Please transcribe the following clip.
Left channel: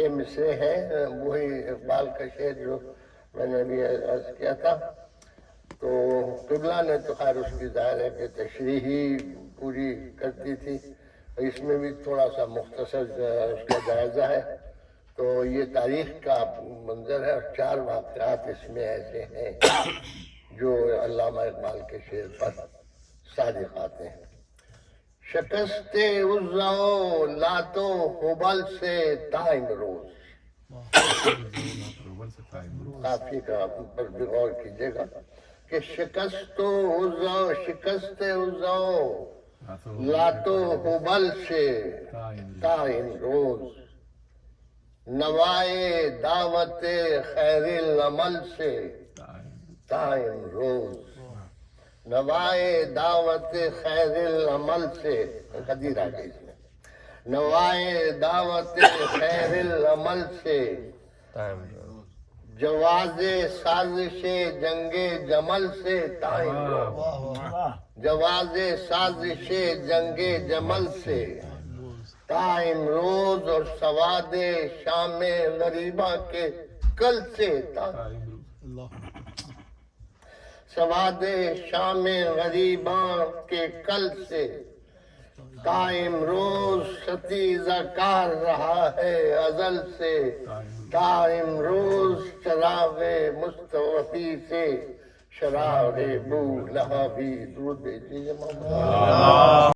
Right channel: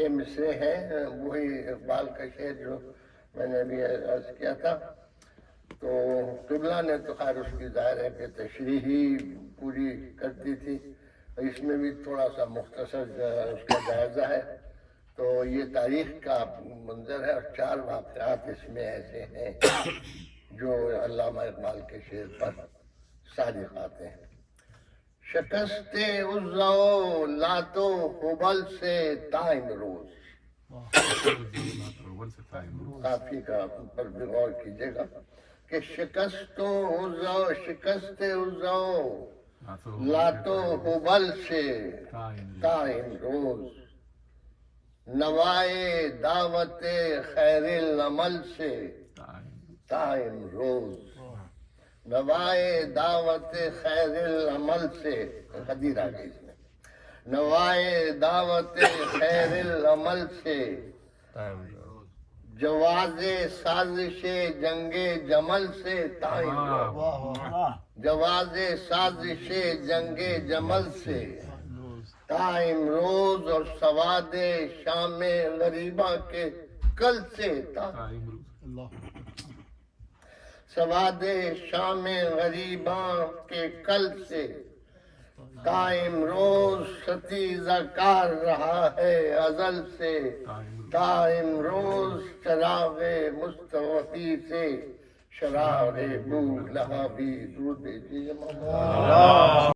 یہ مصرے ہیں وہی اقبال کا شعر جو میں نے ابھی عرض کیا تھا. تو قبلہ نے تو خیر اس کی ظاہر ہے کہ تشریح ہی پوری کرتی تھی. اس میں بھی تھوڑا سا مختصر اس کا جائزہ ہے. تو یہ تاریخ کا منظر ہے اور 4 واقعات اس میں ایسے ہیں جو علامہ اقبال کے شعر پر صادق آتے ہیں. شکست عزا و لات و حبل سے تا امروز. کافی کا پر بھی غور کیجیے گا کہ شکست عزا لات و حبل سے تا امروز. نوائے دعوت خیر العمل سے تا امروز. نوائے دعوت خیر العمل سے قدیر آ گئی اس میں. نوائے دعوت خیر العمل سے جواز سازش جنگ جمل سے تا امروز. جواز سازش جنگ جمل سے تا امروز. اور سواد شام غریبہ کے کل سے تا سواد شام غریباں کے کل سے تا امروز. ستیزہ کار رہا ہے ازل سے تا امروز. چراغ مستوفی سے شرار بو لہبی. درود بھیجیے محمد.